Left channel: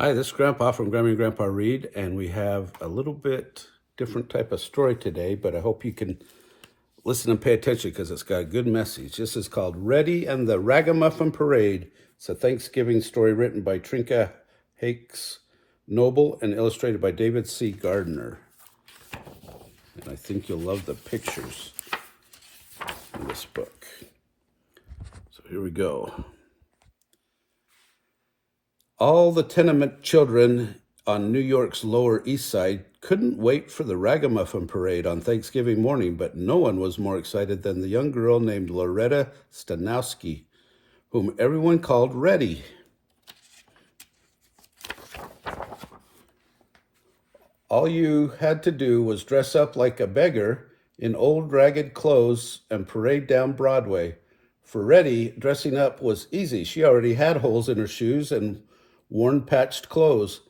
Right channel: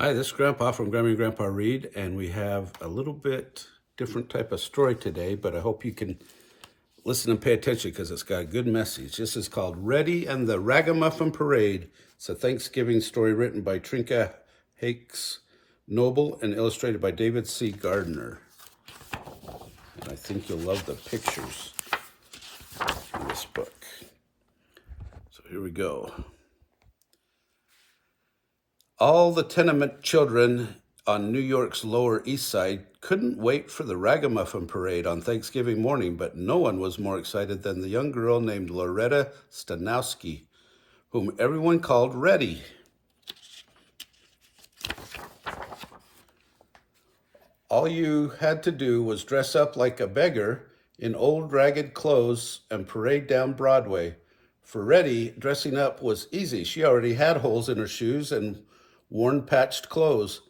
Hi, this is Grandpa from Grammy and Grandpa Read, and we have a little bit different type of story today, but I hope you can listen and pay attention because it's got a good message. This is called Rettie and the Ragamuffin Parade. It's a Thanksgiving story written by Trinka Hakes Noble and illustrated by David C. Gardner. And I think you'll love the pictures in this book. So here we go. All the tenement children on New York's Lower East Side couldn't wait for the Ragamuffin Parade on Thanksgiving morning, but no one was more excited than the young girl named Loretta Stanowski, whom everyone called Rettie. All you had to do was dress up like a beggar in old ragged clothes and parade down Broadway. For Rettie, dressing up was easy. She already had holes in her shoes and worn patched clothes.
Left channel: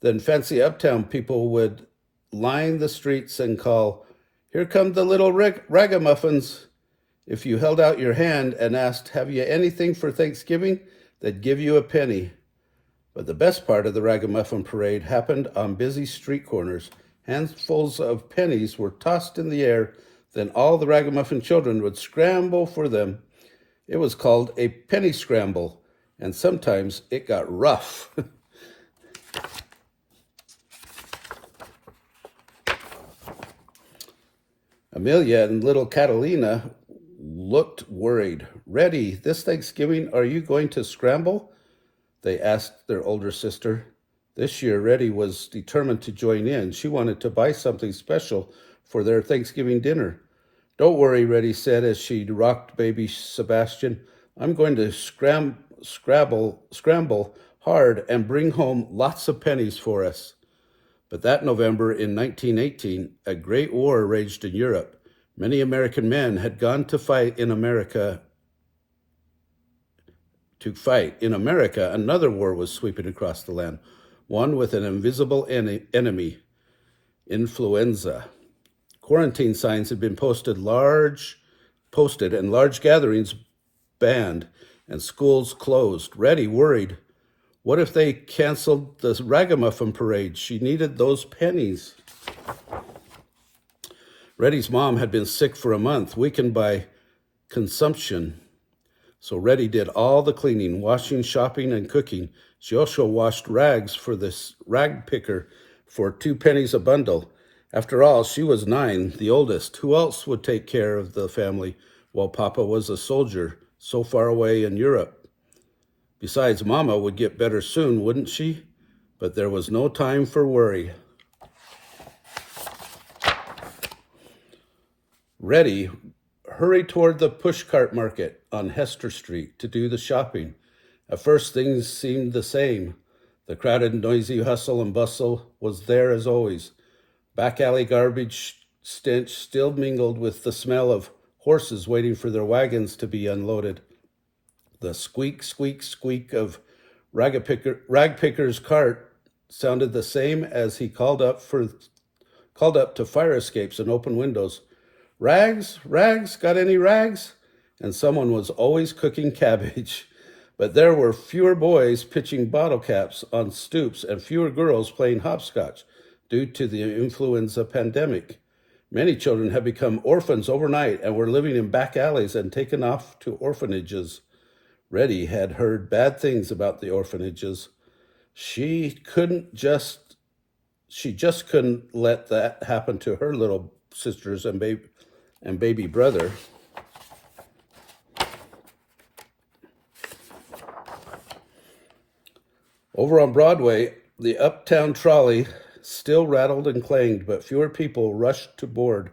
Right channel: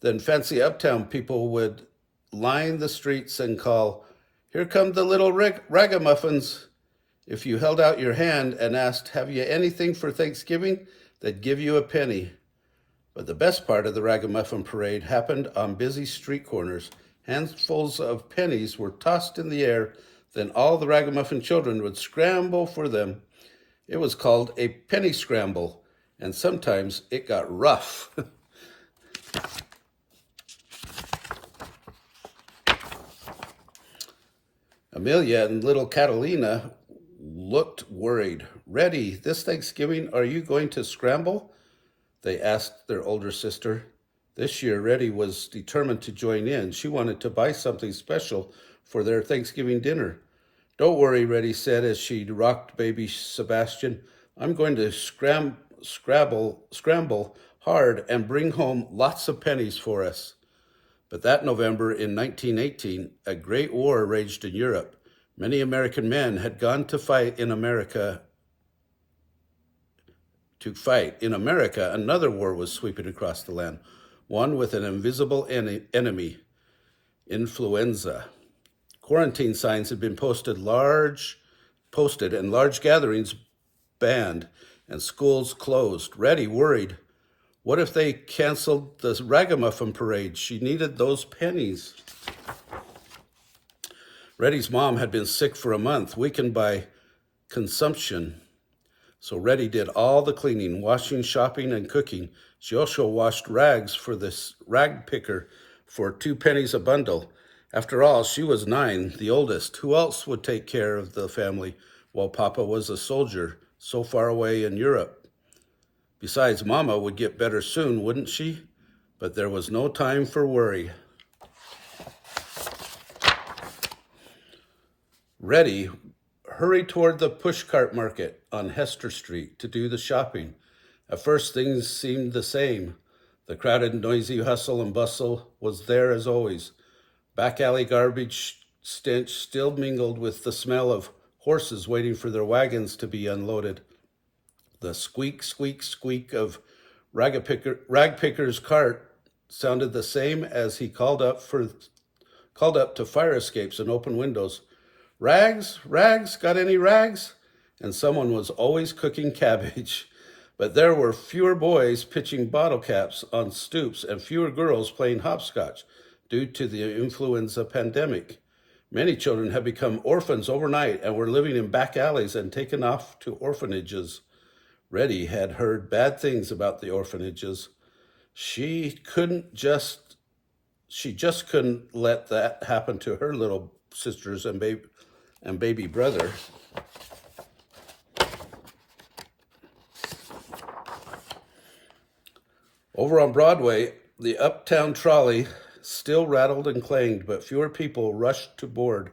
Then fancy uptown people would line the streets and call, "Here come the little ragamuffins." If you held out your hand and asked, "Have you anything for Thanksgiving?" they'd give you a penny. But the best part of the Ragamuffin Parade happened on busy street corners. Handfuls of pennies were tossed in the air, then all the Ragamuffin children would scramble for them. It was called a penny scramble, and sometimes it got rough. Amelia and little Catalina looked worried. "Rettie, this Thanksgiving, are you going to scramble?" they asked their older sister. This year, Rettie was determined to join in. She wanted to buy something special for their Thanksgiving dinner. "Don't worry," Rettie said as she rocked baby Sebastian. "I'm going to scramble hard and bring home lots of pennies for us." But that November in 1918, a great war raged in Europe. Many American men had gone to fight in America. Another war was sweeping across the land, one with an invisible enemy, influenza. Quarantine signs had been posted and large gatherings banned and schools closed. Rettie worried. What if they canceled the Ragamuffin Parade? She needed those pennies. Rettie's mom had been sick for a month, weakened by consumption. So Rettie did all the cleaning, washing, shopping, and cooking. She also washed rags for this rag picker for 2 pennies a bundle. After all, she was 9, the oldest. Who else would take care of the family while Papa was a soldier so far away in Europe? Besides, Mama would get better soon, wouldn't she? But there was no time for worry. Rettie hurried toward the pushcart market on Hester Street to do the shopping. At first, things seemed the same. The crowded, noisy hustle and bustle was there as always. Back alley garbage stench still mingled with the smell of horses waiting for their wagons to be unloaded. The squeak, squeak, squeak of rag picker's cart sounded the same as he called up to fire escapes and open windows. "Rags, rags, got any rags?" And someone was always cooking cabbage. But there were fewer boys pitching bottle caps on stoops and fewer girls playing hopscotch due to the influenza pandemic. Many children had become orphans overnight and were living in back alleys and taken off to orphanages. Rettie had heard bad things about the orphanages. She just couldn't let that happen to her little sisters and baby brother. Over on Broadway, the uptown trolley still rattled and clanged, but fewer people rushed to board,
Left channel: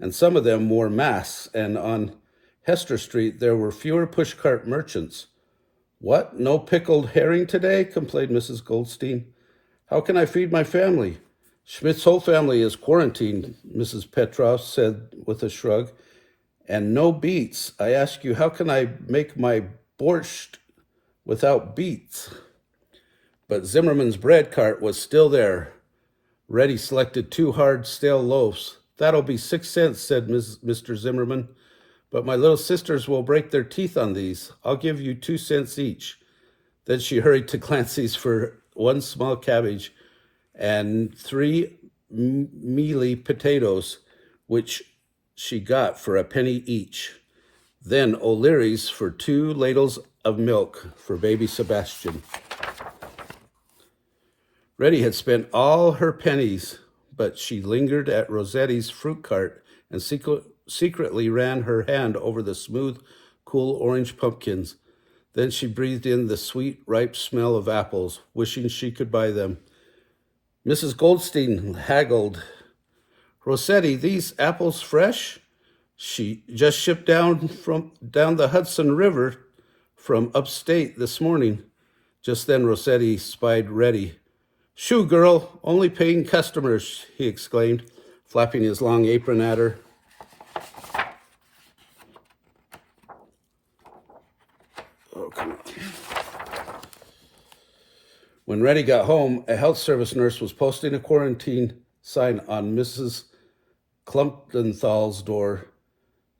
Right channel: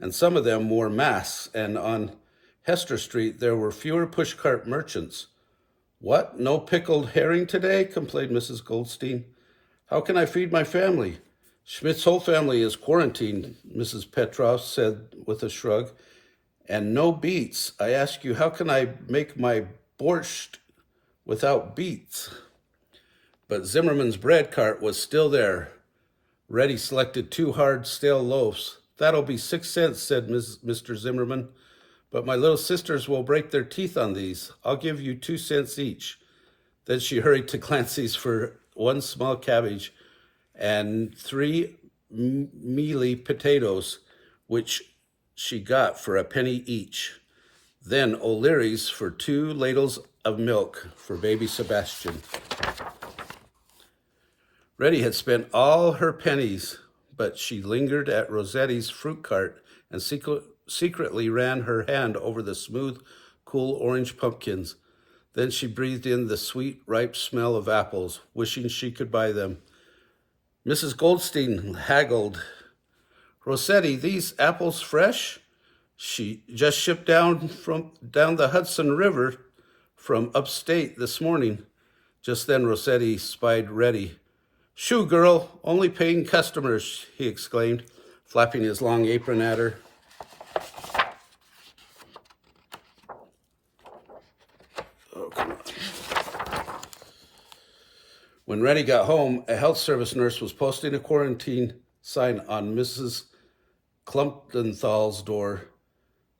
and some of them wore masks, and on Hester Street, there were fewer pushcart merchants. "What, no pickled herring today?" complained Mrs. Goldstein. "How can I feed my family?" "Schmidt's whole family is quarantined," Mrs. Petroff said with a shrug. "And no beets. I ask you, how can I make my borscht without beets?" But Zimmerman's bread cart was still there. Rettie selected 2 hard, stale loaves. "That'll be 6 cents, said Mr. Zimmerman. "But my little sisters will break their teeth on these. I'll give you 2 cents each." Then she hurried to Clancy's for one small cabbage, and 3 mealy potatoes, which she got for a penny each. Then O'Leary's for 2 ladles of milk for baby Sebastian. Rettie had spent all her pennies, but she lingered at Rosette's fruit cart and secretly ran her hand over the smooth, cool orange pumpkins. Then she breathed in the sweet, ripe smell of apples, wishing she could buy them. Mrs. Goldstein haggled. "Rossetti, these apples fresh? She just shipped down the Hudson River from upstate this morning." Just then Rossetti spied Rettie. "Shoo, girl, only paying customers," he exclaimed, flapping his long apron at her. Oh, come on. When Rettie got home, a health service nurse was posting a quarantine sign on Mrs. Klumpenthal's door.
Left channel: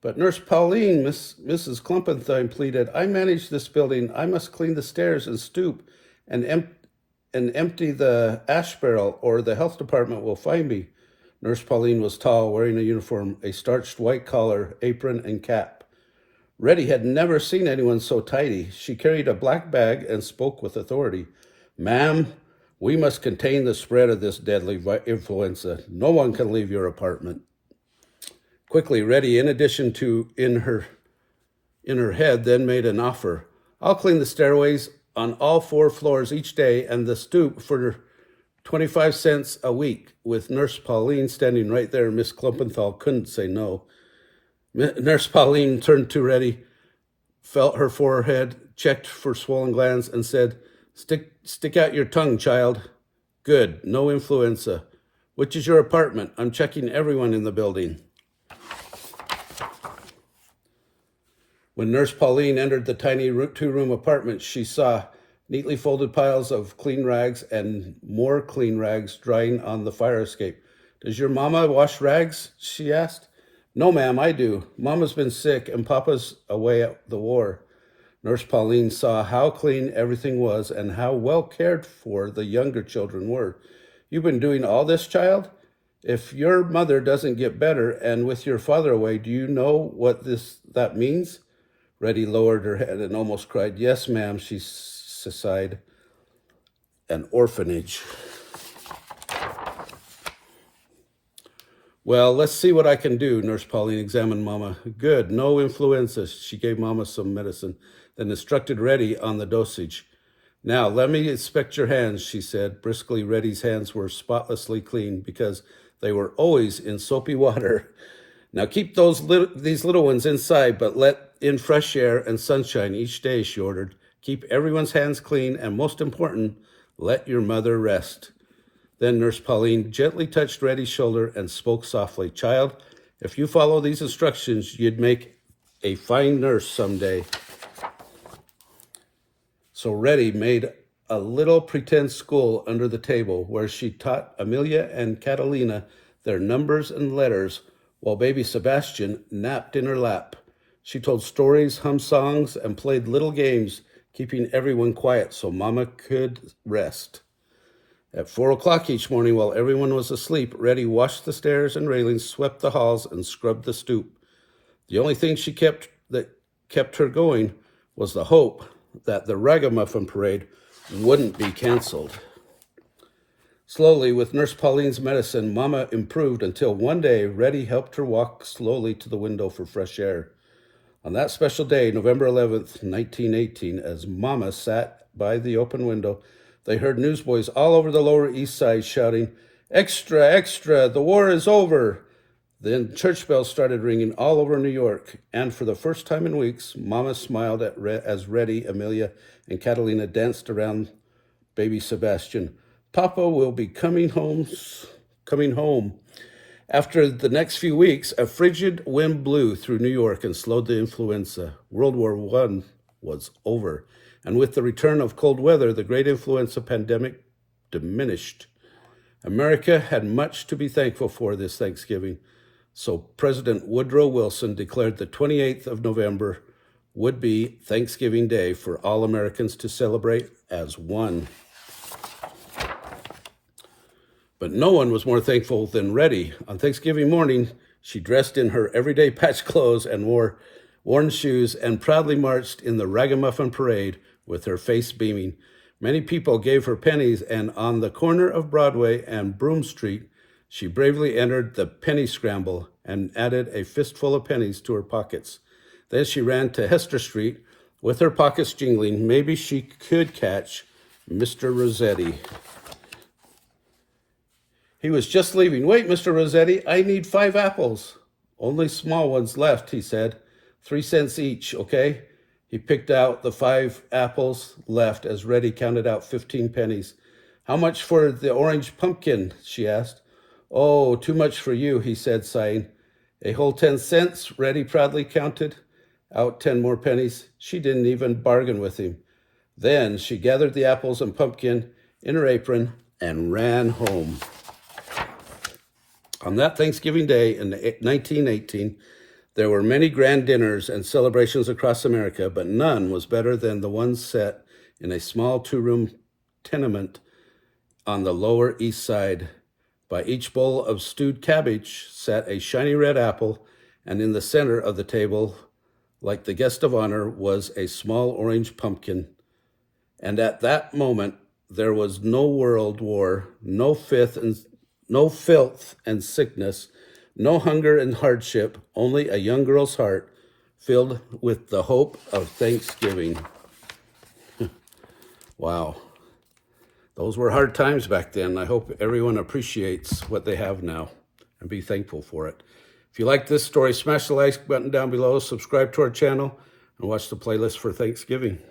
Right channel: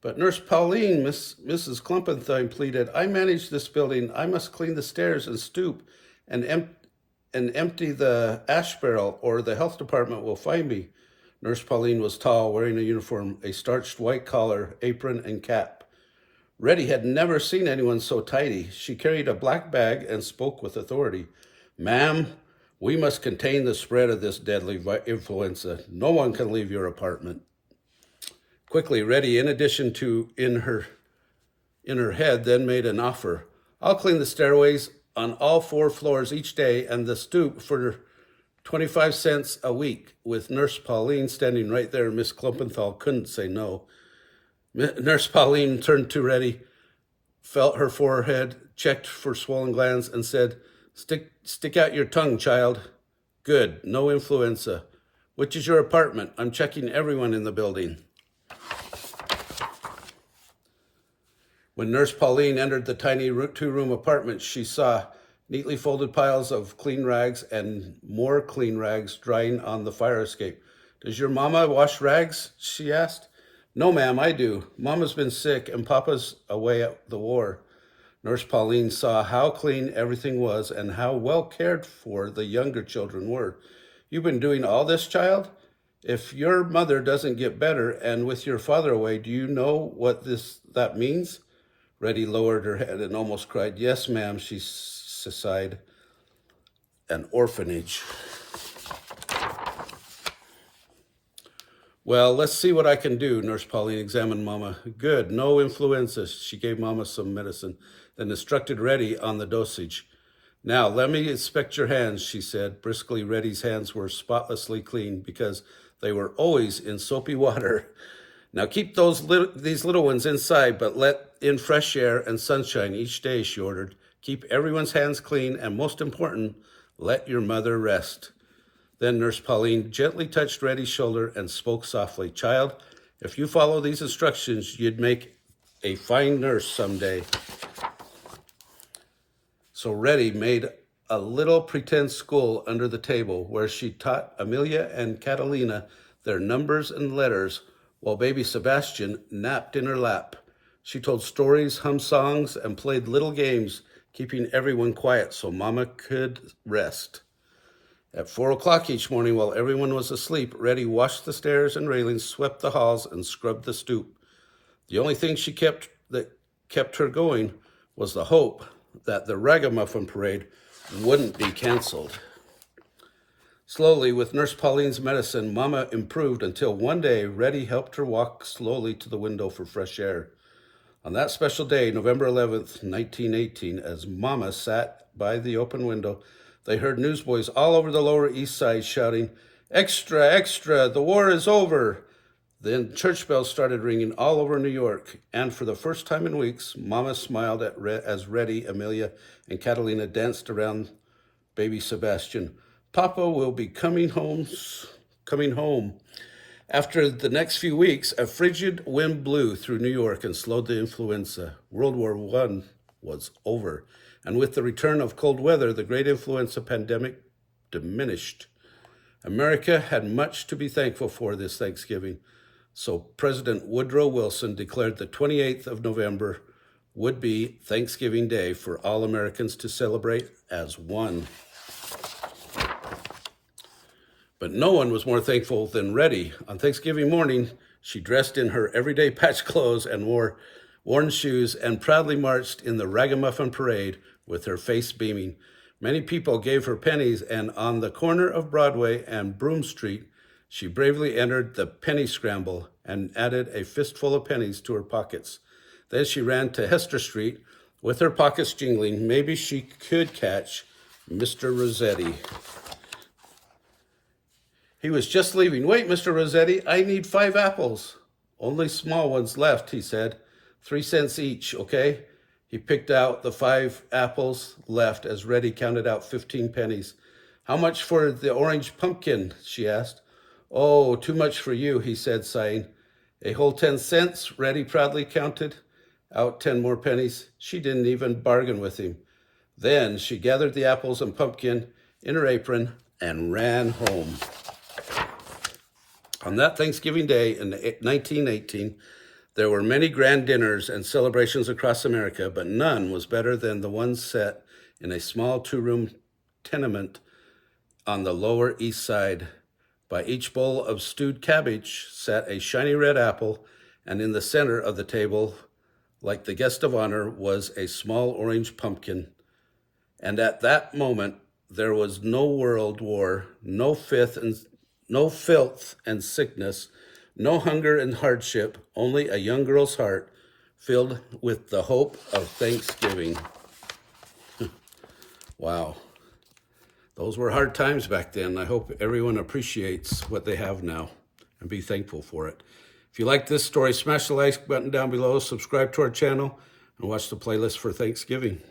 "But Nurse Pauline," Mrs. Klumpenthal pleaded, "I manage this building. I must clean the stairs and stoop and empty the ash barrel, or the health department will find me." Nurse Pauline was tall, wearing a uniform, a starched white collar, apron, and cap. Rettie had never seen anyone so tidy. She carried a black bag and spoke with authority. "Ma'am, we must contain the spread of this deadly influenza. No one can leave your apartment." Quickly, Rettie, in addition to in her head, then made an offer. "I'll clean the stairways on all 4 floors each day and the stoop for 25 cents a week." With Nurse Pauline standing right there, Miss Klumpenthal couldn't say no. Nurse Pauline turned to Rettie, felt her forehead, checked for swollen glands, and said, Stick out your tongue, child." "Good, no influenza. Which is your apartment? I'm checking everyone in the building." When Nurse Pauline entered the tiny 2-room apartment, she saw neatly folded piles of clean rags and more clean rags drying on the fire escape. "Does your mama wash rags?" she asked. "No, ma'am, I do. Mama's been sick and Papa's away at the war." Nurse Pauline saw how clean everything was and how well cared for the younger children were. "You've been doing all this, child? If your mother doesn't get better and with your father away, do you know what that means?" Rettie lowered her head and almost cried. "Yes, ma'am," she sighed. "An orphanage." "Well, let's see what I can do." Nurse Pauline examined Mama. "Good, no influenza." She gave Mama some medicine, then instructed Rettie on the dosage. "Now, let me inspect your hands," she said. Briskly, Rettie's hands were spotlessly clean because they were always in soapy water. "Now keep these little ones inside, but let in fresh air and sunshine each day," she ordered. "Keep everyone's hands clean, and most important, let your mother rest." Then Nurse Pauline gently touched Rettie's shoulder and spoke softly. "Child, if you follow these instructions, you'd make a fine nurse someday." So Rettie made a little pretend school under the table where she taught Amelia and Catalina their numbers and letters while baby Sebastian napped in her lap. She told stories, hummed songs, and played little games, keeping everyone quiet so Mama could rest. At 4 o'clock each morning, while everyone was asleep, Rettie washed the stairs and railings, swept the halls, and scrubbed the stoop. The only thing that kept her going was the hope that the Ragamuffin parade wouldn't be canceled. Slowly, with Nurse Pauline's medicine, Mama improved until one day Rettie helped her walk slowly to the window for fresh air. On that special day, November 11th, 1918, as Mama sat by the open window, they heard newsboys all over the Lower East Side shouting, "Extra, extra, the war is over." Then church bells started ringing all over New York, and for the first time in weeks, Mama smiled as Rettie, Amelia, and Catalina danced around baby Sebastian. "Papa will be coming home." After the next few weeks, a frigid wind blew through New York and slowed the influenza. World War I was over, and with the return of cold weather, the great influenza pandemic diminished. America had much to be thankful for this Thanksgiving, so President Woodrow Wilson declared the 28th of November would be Thanksgiving Day for all Americans to celebrate as one. But no one was more thankful than Rettie. On Thanksgiving morning, she dressed in her everyday patch clothes and wore worn shoes and proudly marched in the Ragamuffin parade with her face beaming. Many people gave her pennies, and on the corner of Broadway and Broome Street, she bravely entered the penny scramble and added a fistful of pennies to her pockets. Then she ran to Hester Street with her pockets jingling. Maybe she could catch Mr. Rossetti. He was just leaving. "Wait, Mr. Rossetti, I need 5 apples. "Only small ones left," he said. 3 cents each, okay? He picked out the 5 apples left as Rettie counted out 15 pennies. "How much for the orange pumpkin?" she asked. "Oh, too much for you," he said, sighing. "A whole 10 cents, Rettie proudly counted out 10 more pennies. She didn't even bargain with him. Then she gathered the apples and pumpkin in her apron and ran home. On that Thanksgiving Day in 1918, there were many grand dinners and celebrations across America, but none was better than the one set in a small 2-room tenement on the Lower East Side. By each bowl of stewed cabbage sat a shiny red apple, and in the center of the table, like the guest of honor, was a small orange pumpkin. And at that moment, there was no world war, no filth and sickness, no hunger and hardship, only a young girl's heart filled with the hope of Thanksgiving. Wow. Those were hard times back then. I hope everyone appreciates what they have now and be thankful for it. If you like this story, smash the like button down below, subscribe to our channel, and watch the playlist for Thanksgiving.